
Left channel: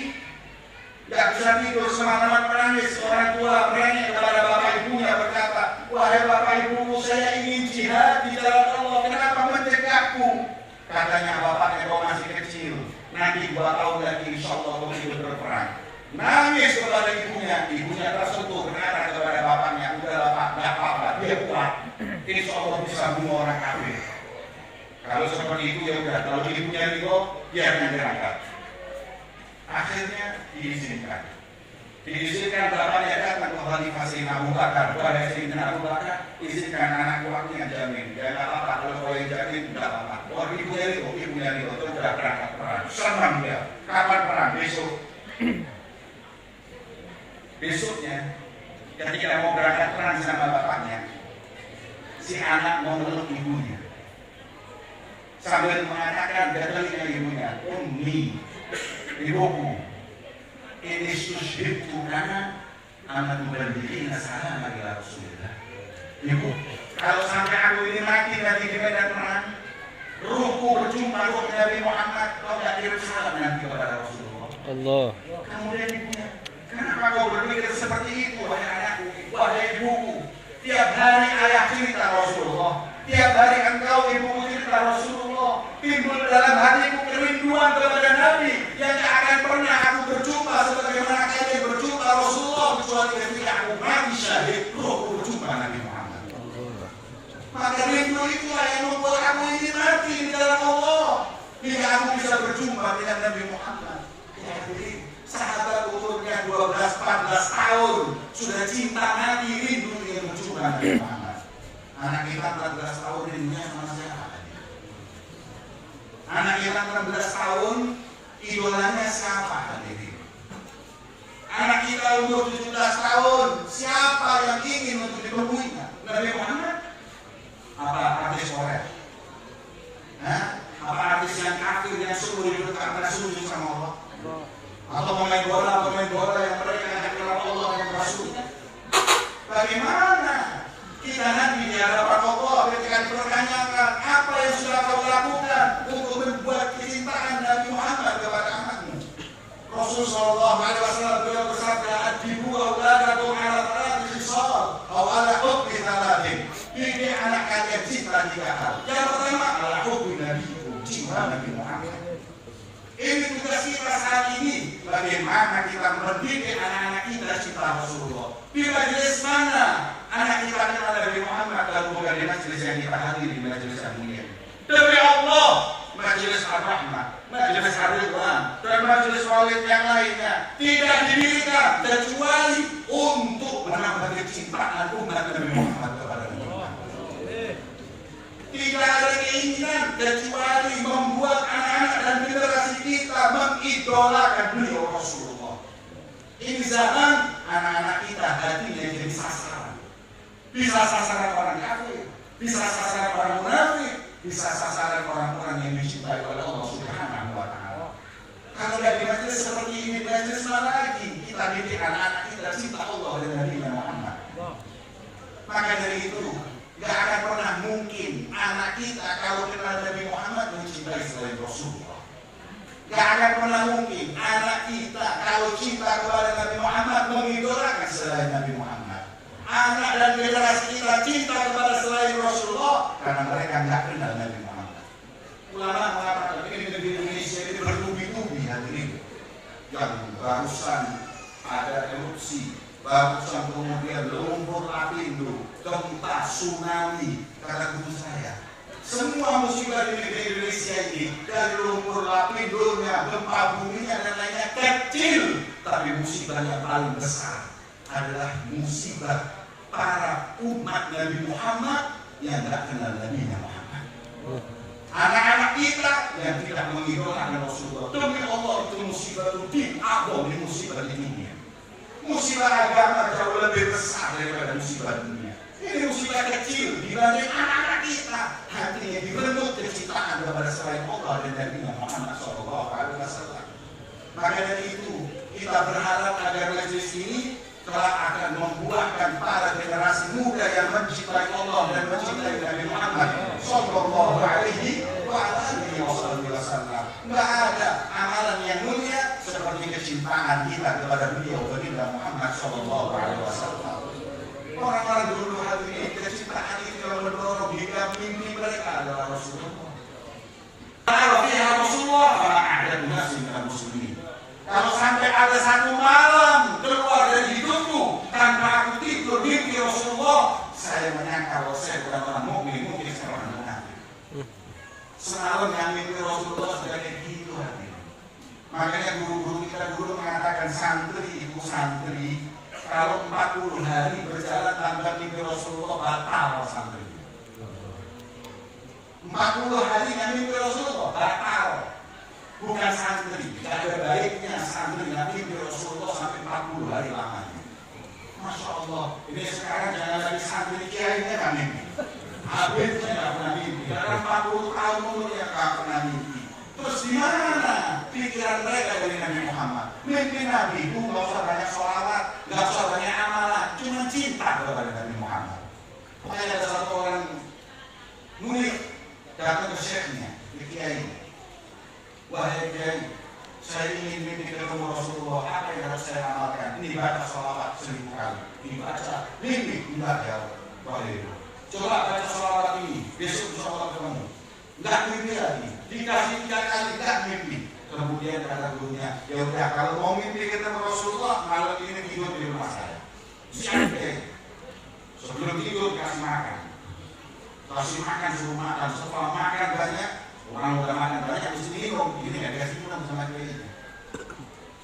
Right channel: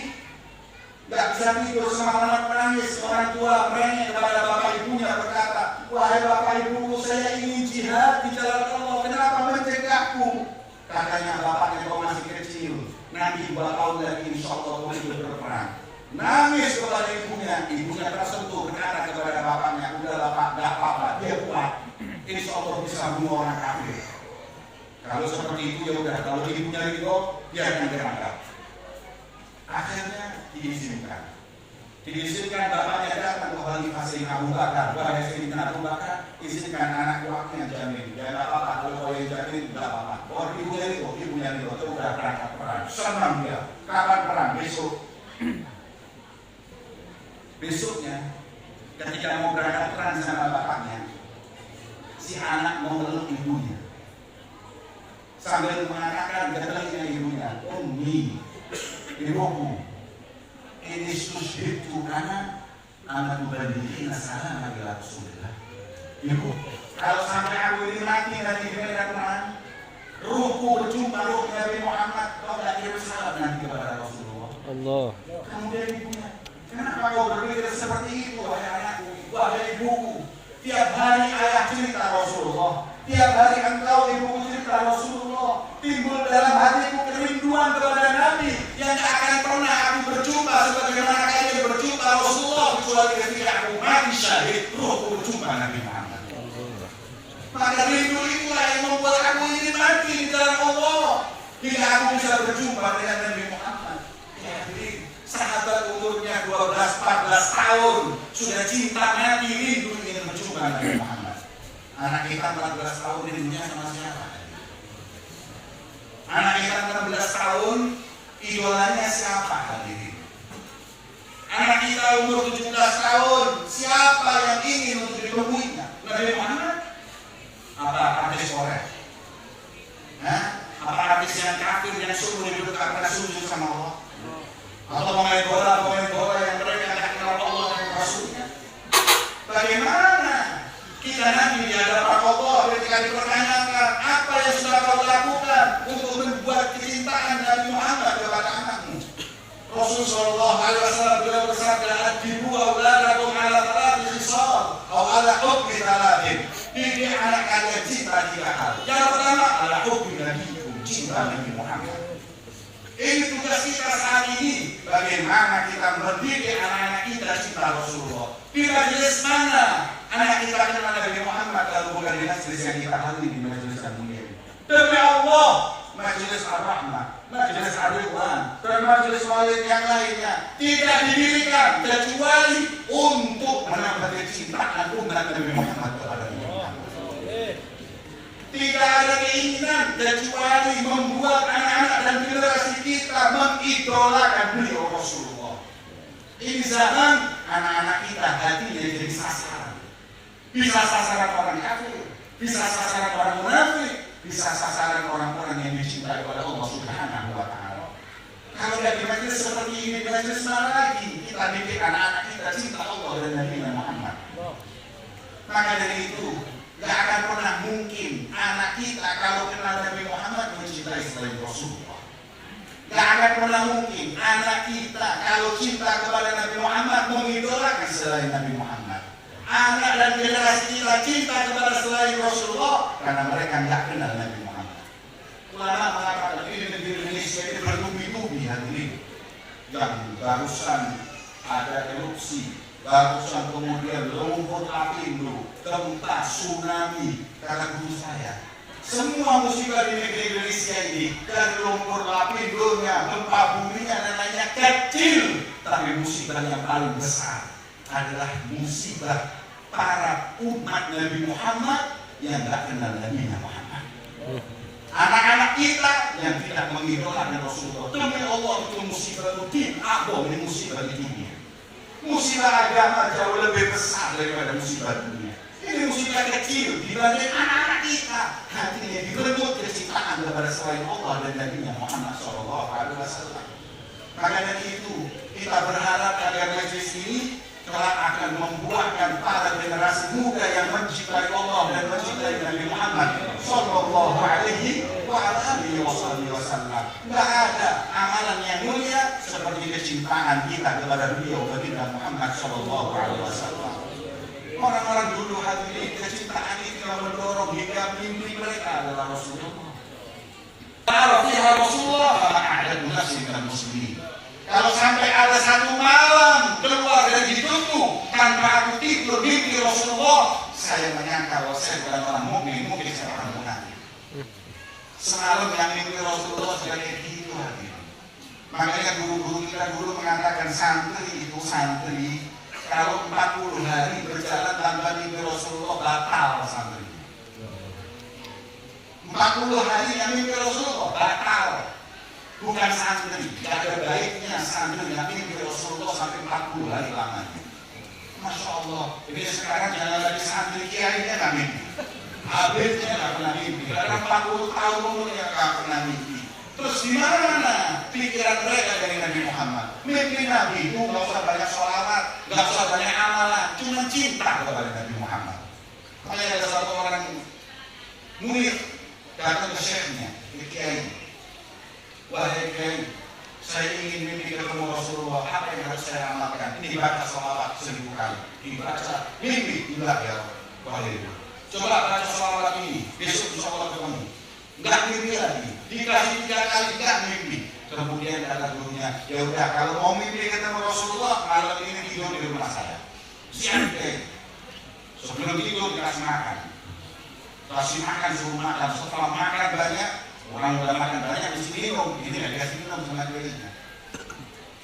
tidak bisa tidur, semalaman menangis. Orang tua merengek kepada bapak ibunya berkata, wahai bapak ibu, saya ingin jihad di jalan Allah, kenapa mencegahku? Katanya bapaknya, kau masih kecil, nanti 2 tahun lagi insya Allah kau hidup berperang. Nangis kepada ibunya, ibunya tersentuh berkata kepada bapaknya, udah bapak, tidak apa-apa, dia kuat, insya Allah bisa bunuh orang kafir. Kalau seperti itu ya udah, kalau ibunya ridho, dia akan berangkat. Akhirnya diizinkan bapaknya datang ke Khalifah Sayyidina Abu Bakar. Wahai Sayyidina Abu Bakar, izinkan anak buahku yang jamin. Ya nggak apa-apa, kalau kau yang jamin tidak apa-apa. Oh ibunya ridho, itu udah berangkat perang. Senang dia. Kapan perang? Besok. Besoknya, ketika mau berangkat perang sama bapaknya, si anak mau meluk ibunya sambil mengatakan dengan ibunya, Ummi, ibuku, ini sushibtu karena amat membandingin salam bagi Rasulullah. Ibu, kalau sampai aku ini mati nanti di medan perang, ruhku berjumpa ruh Nabi Muhammad, kau tidak kirim salam nanti kepada Rasulullah. Allah. Kemudian ibunya, kenapa kau berpikir seperti itu, wahai anakku, wahai ibuku? Tiap hari ayah cerita Rasulullah, tiap hari engkau ibuku cerita Rasulullah. Timbul dalam hatiku kerinduan kepada Nabi yang tak akan pernah aku berjumpa sebagaimana kalian berjumpa Rasulullah, kecuali ketika aku mati syahid, rohku berjumpa Nabi Muhammad. Maka rindu itulah yang membuat aku ini mati di dalam Allah hingga aku bisa berjumpa dengan Nabi Muhammad. Ya, jadi sahabat umurnya 12-14 tahun sudah cinta mati rindu ingin berjumpa Nabi Muhammad. Anak kita 14 tahun rindunya sama siapa? Anak kita 16 tahun idolanya siapa hadirin? Anak kita umur 17 tahun siapa yang ingin untuk ditemuinya? Nabi Muhammad? Apa artis Korea? Apa artis yang kafir yang seumur hidup karena sujud sama Allah? Atau pemain bola yang mereka tidak kenal Allah dan Rasulnya? Bagaimana kita nanti di hadapan Allah ketika dipertanyakan apa yang sudah kau lakukan untuk membuat kecintaan Nabi Muhammad kepada anakmu? Rasul sallallahu alaihi wasallam beliau bersabda, "Adibu auladakum ala thalathi khisal aw ala hukmi thalathin." Didik anak kalian cinta 3 hal. Yang pertama adalah hukmi Nabi, cinta Nabi Muhammad. Ini tugas kita saat ini. Bagaimana kita mendidik anak-anak kita cinta Rasulullah? Di majelis mana anak kita kenal Nabi Muhammad kalau bukan di majelis yang kita hadiri, di majelis yang mulia? Demi Allah, majelis Ar-Rahmah, majelis Ar-Ridwan, dan majelis maulid yang lainnya tidak didirikan kecuali untuk menambah kecintaan umat Nabi Muhammad kepada Allah. Tidak ada keinginan kecuali membuat anak-anak dan generasi kita mengidolakan beliau Rasulullah. Ini zaman anak-anak kita hatinya jadi sasaran. Bisa sasaran orang kafir, bisa sasaran orang munafik, bisa sasaran orang-orang yang mencintai kepada Allah Subhanahu wa Ta'ala. Kalau dari majelis seperti ini, majelis mana lagi kita didik anak-anak kita cinta Allah dan Nabi Muhammad? Maka dari itu, gak akan pernah mungkin anak kita kalau kenal Nabi Muhammad mencintai selain Rasulullah. Gak akan pernah mungkin anak kita kalau cinta kepada Nabi Muhammad mengidolakan selain Nabi Muhammad. Anak dan generasi kita cinta kepada selain Rasulullah karena mereka nggak kenal Nabi Muhammad. Ulama mengatakan ini negeri Indonesia ini bertubi-tubi hadirin. Yang barusan ada erupsi, barusan kemudian lumpur lapindo, gempa, tsunami, kata guru saya. Semua musibah di negeri Indonesia ini dari lumpur lapindonya, gempa buminya dan lainnya kecil, tapi musibah yang paling besar adalah musibah para umat Nabi Muhammad yang tidak kenal Nabi Muhammad. Anak-anak kita yang tidak mengidolakan Rasulullah. Demi Allah itu musibah rutin, abon ini musibah di dunia. Musibah agama jauh lebih besar daripada musibah dunia. Ini musibah kecil dibanding anak-anak kita. Hatinya direnggut kecintaan kepada selain Allah dan Nabi Muhammad SAW. Maka dari itu kita berharap agar majelis ini kelak akan membuahkan para generasi muda yang mencintai Allah dan mencintai Nabi Muhammad Sallallahu Alaihi Wasallam. Tidak ada amalan yang mulia seperti kecintaan kita kepada beliau baginda Muhammad Sallallahu Alaihi Wasallam. Orang-orang dulu hadirin, kecintaan itu yang mendorong hingga mimpi mereka adalah Rasulullah. Kalau dia Rasulullah, ada nasi dan muslimin. Kalau sampai ada satu malam keluar dari hidupku tanpa aku tidur mimpi Rasulullah, saya menyangka kalau saya bukan orang mukmin, mungkin saya orang munafik. Semalam yang mimpi Rasulullah sudah kayak gitu hadirin. Makanya guru-guru kita dulu mengatakan santri itu santri. Kalau 40 hari berjalan tanpa mimpi Rasulullah batal santri. 40 hari yang mimpi Rasulullah batal. Bukan santri. Tidak ada baiknya santri yang mimpi Rasulullah sampai 40 hari lamanya. Masya Allah. Ini sekarang jangan lagi santri kiainya kan mimpi. Habisnya nggak pernah mimpi. Karena 40 tahun dia nggak pernah mimpi. Terus di mana pikiran mereka dari Nabi Muhammad? Mimpi Nabi itu nggak usah banyak sholawat, nggak usah banyak amalan, cuma cinta kepada Nabi Muhammad. Makanya ada satu orang murid datang ke syekhnya, ke kiai. Wahai kiai, saya ingin mimpi ketemu Rasulullah. Apa yang harus saya amalkan? Ini dibaca sholawat 1000 kali. Dibaca mimpi dibaca. Wahai, coba baca sholawat ini. Besok insya Allah ketemu. Enggak mimpi lagi. Dikasih 3 kali enggak mimpi. Kemudian ada gurunya, ya udah kalau mau mimpi ketemu Rasulullah malam ini tidur di rumah saya. Siang deh. Sebelum tidur kasih makan. Kasih makan suruh makan. Setelah makan banyak, orang udah makan banyak mesti minum. Ini nggak dikasih minum sama kiainya.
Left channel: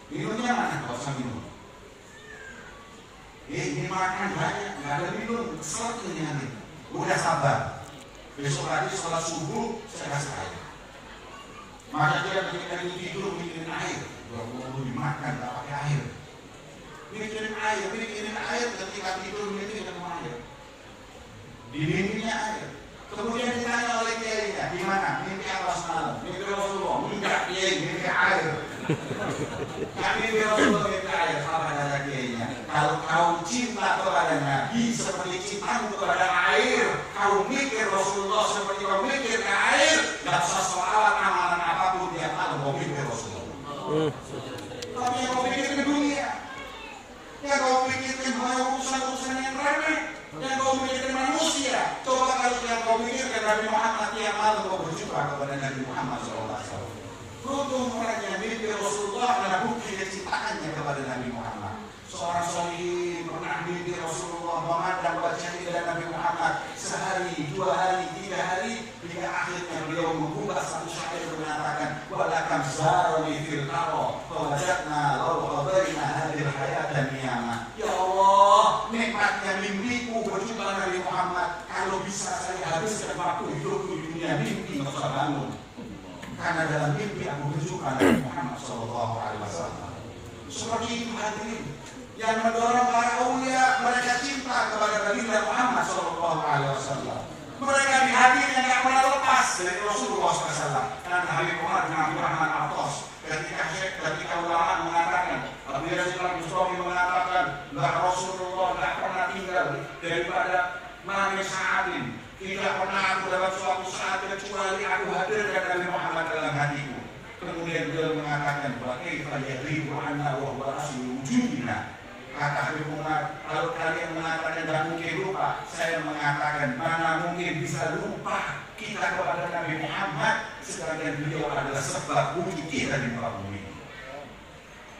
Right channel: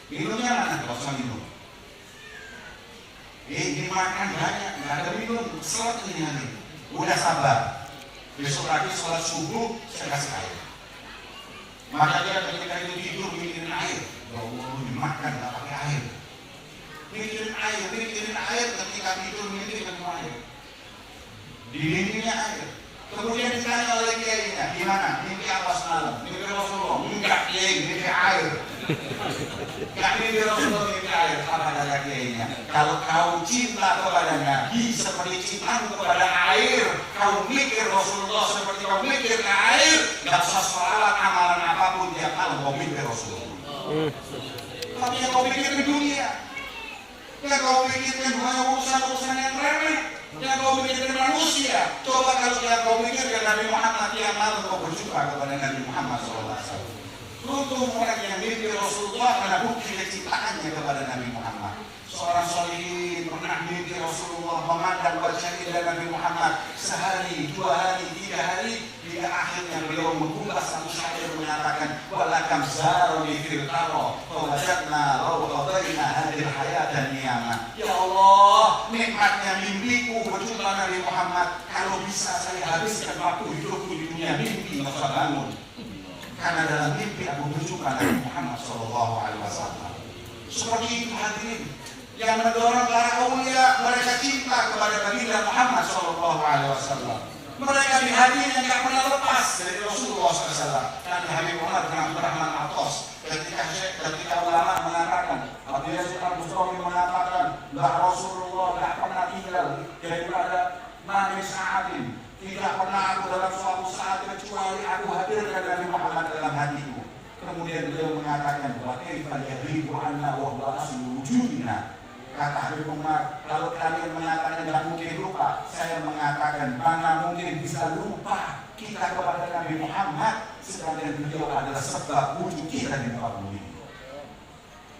Minumnya mana? Kalau usah minum. Ini makan banyak, nggak ada minum. Kesel tuh ini nanti. Udah sabar. Besok lagi sholat subuh saya kasih air. Maka dia ketika tidur mikirin air. Kalau mau dimakan nggak pakai air. Mikirin air ketika tidur mikirin air. Dimimpinya air. Kemudian ditanya oleh kiainya, gimana? Mimpi apa semalam? Mimpi Rasulullah? Enggak kiai, mimpi air. Enggak mimpi Rasulullah, mimpi air. Apa kata kiainya? Kalau kau cinta kepada Nabi seperti cintamu kepada air, kau mikir Rasulullah seperti kau mikir air, nggak usah sholat amalan apapun tiap malam kau mikir Rasulullah. Tapi yang kau pikirin dunia, yang kau pikirin urusan-urusan yang remeh, yang kau pikirin manusia. Coba kalau kau mikirkan Nabi Muhammad yang malam kau berjumpa kepada Nabi Muhammad SAW. Beruntung orang yang mimpi Rasulullah karena bukti kecintaannya kepada Nabi Muhammad. Seorang solihin pernah mimpi Rasulullah memandang wajah indah Nabi Muhammad sehari, 2 hari, 3 hari, hingga akhirnya beliau membuka satu syair mengatakan walakam zaruni fil qara fawajadna law qadaina hadhihi hayatan niyama. Ya Allah, nikmatnya mimpiku berjumpa Nabi Muhammad. Kalau bisa saya habiskan waktu hidupku di dunia mimpi nggak usah bangun. Karena dalam mimpi aku berjumpa Nabi Muhammad Sallallahu Alaihi Wasallam. Seperti itu hadirin yang mendorong para aulia mereka cinta kepada Nabi Muhammad Sallallahu Alaihi Wasallam. Mereka di hatinya tidak pernah lepas dari Rasulullah SAW. Karena Habib Umar bin Abdul Rahman Al-Atas ketika ulama mengatakan, Abu Yazid Al-Bustami mengatakan, Rasulullah tidak pernah tinggal daripada Nabi Sa'adin. Tidak pernah aku dalam suatu saat kecuali aku hadirkan Nabi Muhammad dalam hatiku. Kemudian beliau mengatakan, kaifa yadhibu anna wa huwa aslu wujudina. Kata Habib Umar, kalau kalian mengatakan tidak mungkin lupa, saya mengatakan mana mungkin bisa lupa kita kepada Nabi Muhammad, sedangkan beliau adalah sebab wujud kita di muka bumi.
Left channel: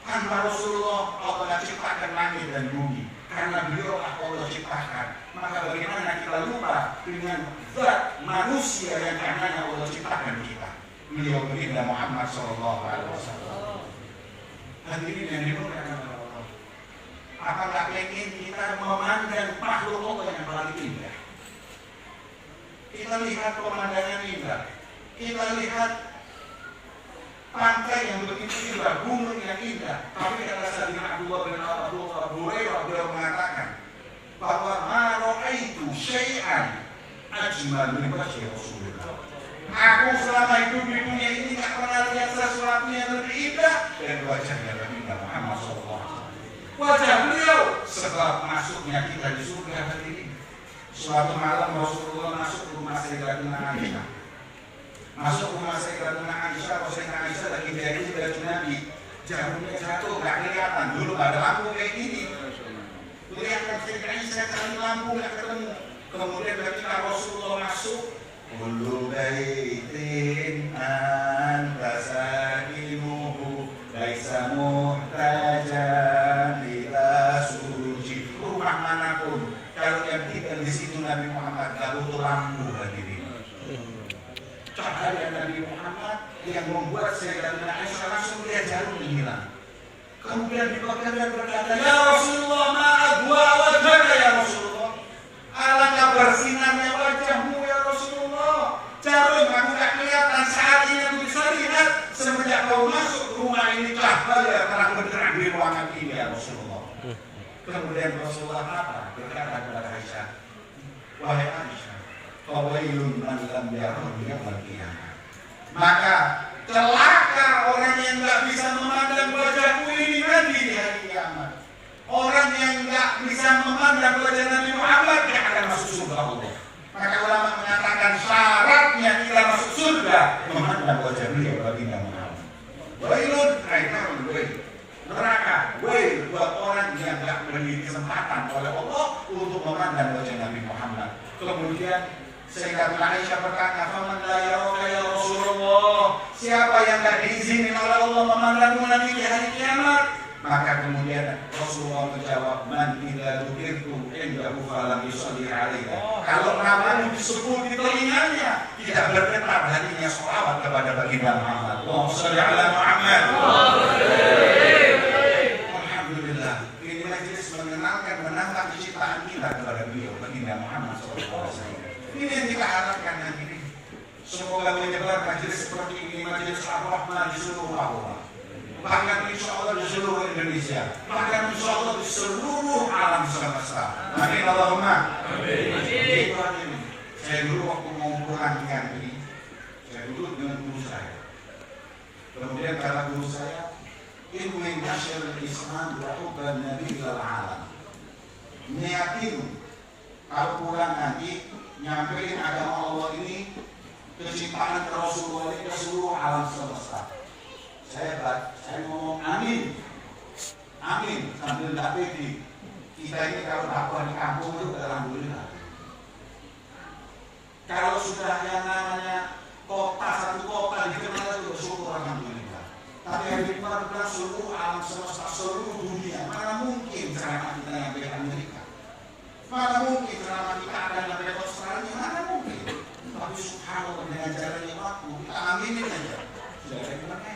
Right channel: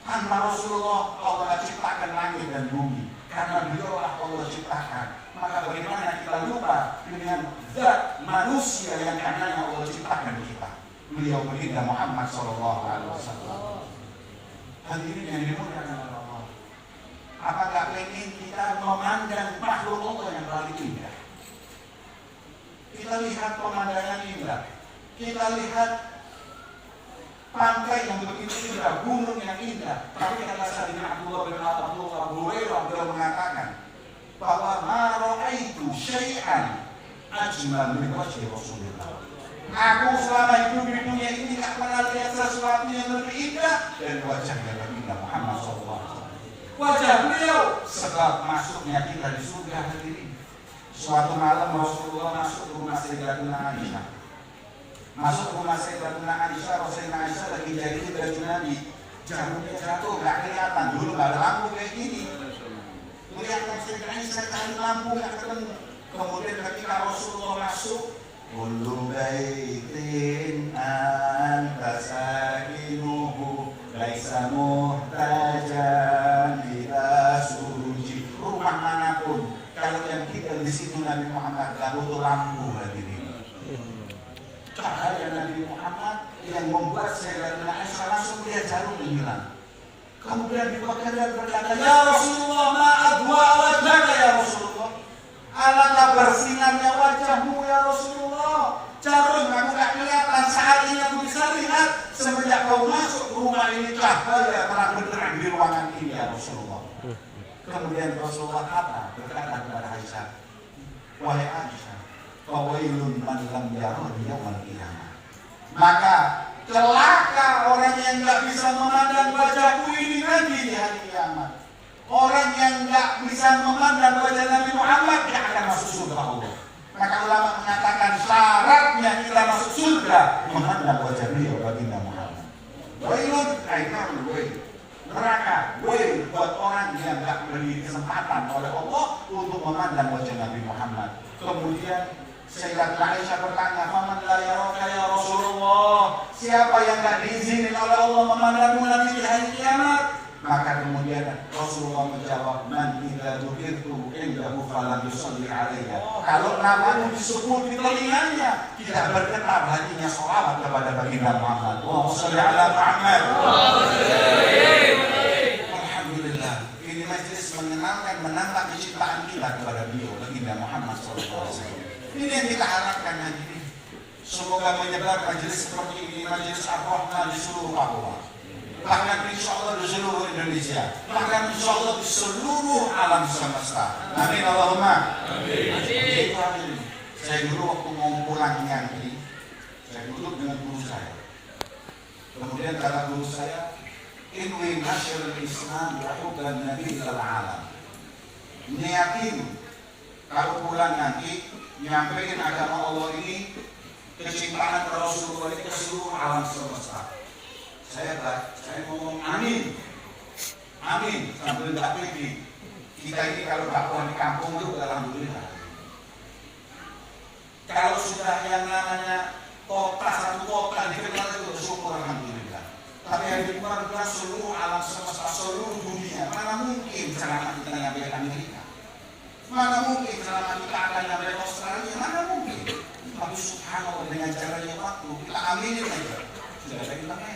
Tanpa Rasulullah Allah ciptakan langit dan bumi, karena beliau Allah ciptakan. Maka bagaimana kita lupa dengan zat manusia yang karenanya Allah ciptakan kita? Beliau baginda Muhammad Sallallahu Alaihi Wasallam. Hadirin yang dimuliakan Allah, apakah ingin kita memandang makhluk Allah yang paling indah? Kita lihat pemandangan indah, Kita lihat pantai yang begitu indah, gunung yang indah. Tapi kata Sayyidina Abdullah bin Abu Hurairah, beliau mengatakan bahwa ma ra'aitu syai'an ajmal min wajhi Rasulullah. Aku selama hidup di dunia ini tidak pernah lihat sesuatu yang lebih indah dari wajahnya Nabi Muhammad SAW. Wajah beliau sebab masuknya kita di surga hadirin. Suatu malam Rasulullah masuk ke rumah Sayyidatuna Aisyah. Masuk ke rumah Sayyidatuna Aisyah, Sayyidatuna Aisyah lagi jahit baju Nabi. Jarumnya jatuh, gak kelihatan. Dulu gak ada lampu kayak gini. Kelihatan Sayyidatuna Aisyah cari lampu gak ketemu. Kemudian ketika Rasulullah masuk, kullu baitin anta sakinuhu laisa muhtajan ila suji. Rumah manapun kalau yang tinggal di situ Nabi Muhammad gak butuh lampu hadirin. Cahaya Nabi Muhammad yang membuat Sayyidatuna Aisyah langsung lihat jarum hilang. Kemudian dibakar berkata, ya Rasulullah, ma adwa wajhaka ya Rasulullah. Alangkah bersinarnya wajahmu ya Rasulullah. Jarum aku tak kelihatan, saat ini aku bisa lihat semenjak kau masuk ke rumah ini cahaya terang benderang di ruangan ini ya Rasulullah. Kemudian Rasulullah apa? Berkata kepada Aisyah, wahai Aisyah, fawailun man lam yarah yaumil qiyamah. Maka celaka orang yang enggak bisa memandang wajahku ini nanti di hari kiamat. Orang yang enggak bisa memandang wajah Nabi Muhammad tidak akan masuk surga Allah. Maka ulama mengatakan syaratnya kita masuk surga memandang wajah beliau baginda Muhammad. Wailun, aisyah wail. Neraka, wail buat orang yang enggak beri kesempatan oleh Allah untuk memandang wajah Nabi Muhammad. Kemudian Sayyidatuna Aisyah bertanya, "Faman la yaraka ya Rasulullah?" Siapa yang enggak diizinin oleh Allah memandangmu nanti di hari kiamat? Maka kemudian Rasulullah menjawab, "Man idza dzukirtu indahu falam yusalli alayya." Kalau namamu disebut di telinganya, tidak bergetar hatinya sholawat kepada baginda Muhammad. Allahumma shalli ala Muhammad. Alhamdulillah, ini majlis mengenangkan, menambah kecintaan kita kepada beliau baginda Muhammad SAW. Ini yang kita harapkan hadirin. Semoga menyebar majlis seperti ini, majlis Ar-Rahman di seluruh Papua. Bahkan insya Allah di seluruh Indonesia, bahkan insya Allah di seluruh alam semesta. Amin Allahumma. Amin. Saya dulu waktu mau pulang ngaji, saya duduk dengan guru saya. Kemudian kata guru saya, "Inni nasyirul Islam wa hubban nabi ilal alam." Niatin kalau pulang ngaji, nyampein agama Allah ini, kecintaan Rasulullah ini ke seluruh alam semesta. Saya ngomong amin, amin sambil tidak pede. Kita ini kalau dakwah di kampung itu alhamdulillah. Kalau sudah yang namanya kota, satu kota dikenal itu syukur alhamdulillah. Tapi yang dikenal seluruh alam semesta, seluruh dunia, mana mungkin ceramah kita nyampe ke Amerika? Mana mungkin ceramah kita akan nyampe ke Australia? Mana mungkin? Tapi subhanallah dengan cara yang waktu kita aminin aja. Sudah ada gimana?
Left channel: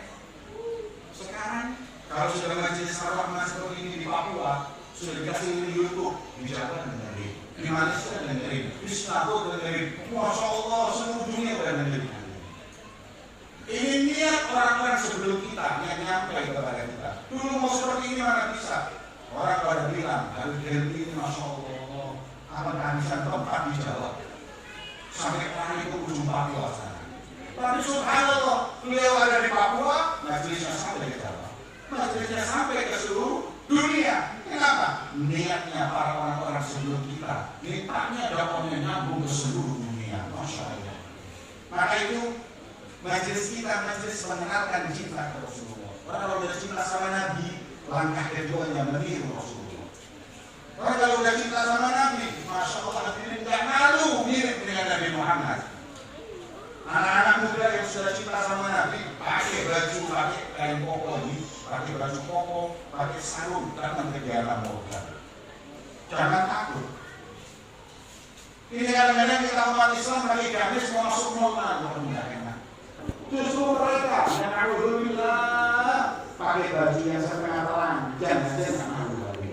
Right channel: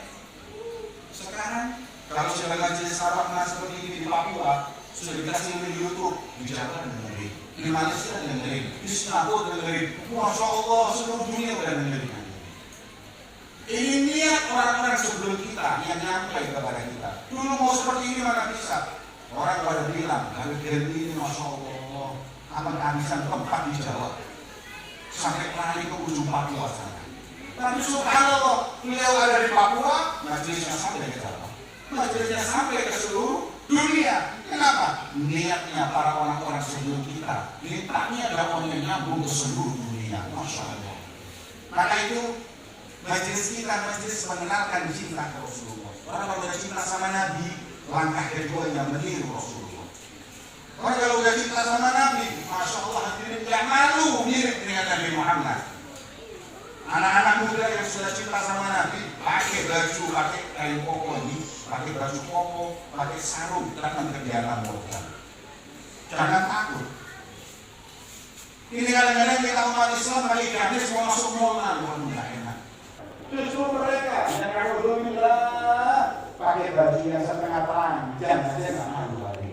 Sekarang kalau sudah majelis Ar-Rahman seperti ini di Papua, sudah dikasih di YouTube, di Jawa dengerin, di Malaysia dengerin, di Singapura dengerin, Masya Allah seluruh dunia dengerin. Ini niat orang-orang sebelum kita yang nyampe kepada kita. Dulu mau seperti ini mana bisa? Orang pada bilang, Habib Herdi ini Masya Allah, apa kehabisan tempat di Jawa sampai lari ke ujung Papua sana. Tapi subhanallah, beliau ada di Papua, majelisnya sampai ke Jawa, majelisnya sampai ke seluruh dunia. Kenapa? Niatnya para orang-orang sebelum kita, niatnya dakwahnya nyambung ke seluruh dunia. Masya Allah. Maka itu majelis kita, majelis mengenalkan cinta ke Rasulullah. Orang kalau sudah cinta sama Nabi, langkah keduanya meniru Rasulullah. Orang kalau sudah cinta sama Nabi, Masya Allah, hadirin tidak malu mirip dengan Nabi Muhammad. Anak-anak muda yang sudah cinta sama Nabi, pakai baju, pakai kain koko ini, pakai baju koko, pakai sarung, datang ke jalan Allah. Jangan takut. Ini kadang-kadang kita umat Islam pakai gamis mau masuk normal, tidak enak. Justru mereka yang alhamdulillah pakai baju yang setengah telanjang saja nggak malu lagi.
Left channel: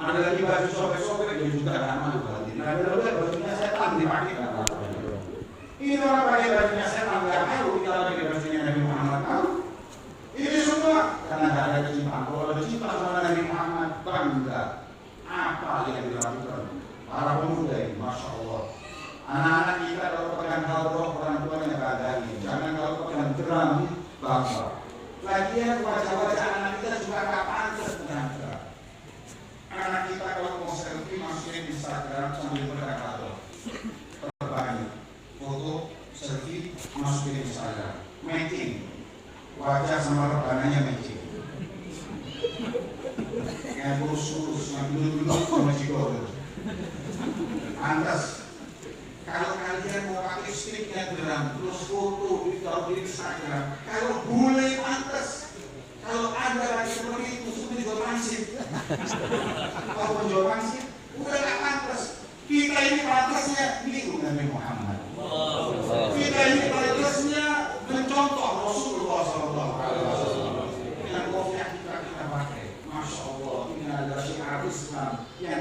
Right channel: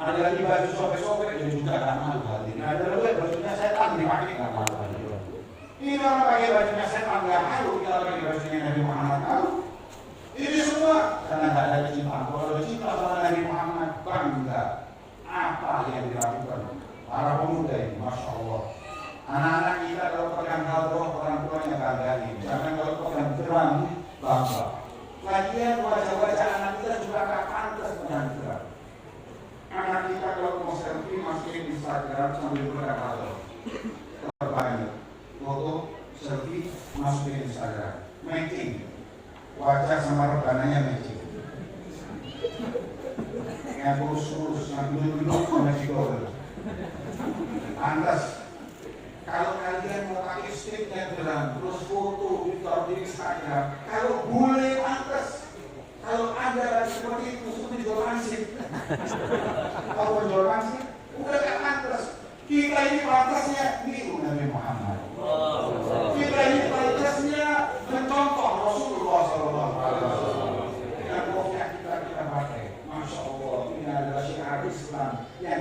Ada lagi baju sobek-sobek dia juga nggak malu lagi. Ada lagi bajunya setan dipakai nggak malu. Ini orang pakai bajunya setan nggak malu. selfie, masukin Instagram, matching, wajah sama rebananya matching. Yang kurus-kurus, yang dulu-dulu konektor. Pantas. Kalau kalian mau pakai sticknya terang, terus foto ditaruh di Instagram, kalau boleh pantas. Kalau Anda lagi seperti itu, sudah jual mansip. Kalau menjual mansip, udah gak pantas. Kita ini pantasnya niru Nabi Muhammad. Kita ini pantasnya mencontoh Rasulullah SAW. Dengan kopiah kita pakai. Masya Allah, ini adalah syiar Islam yang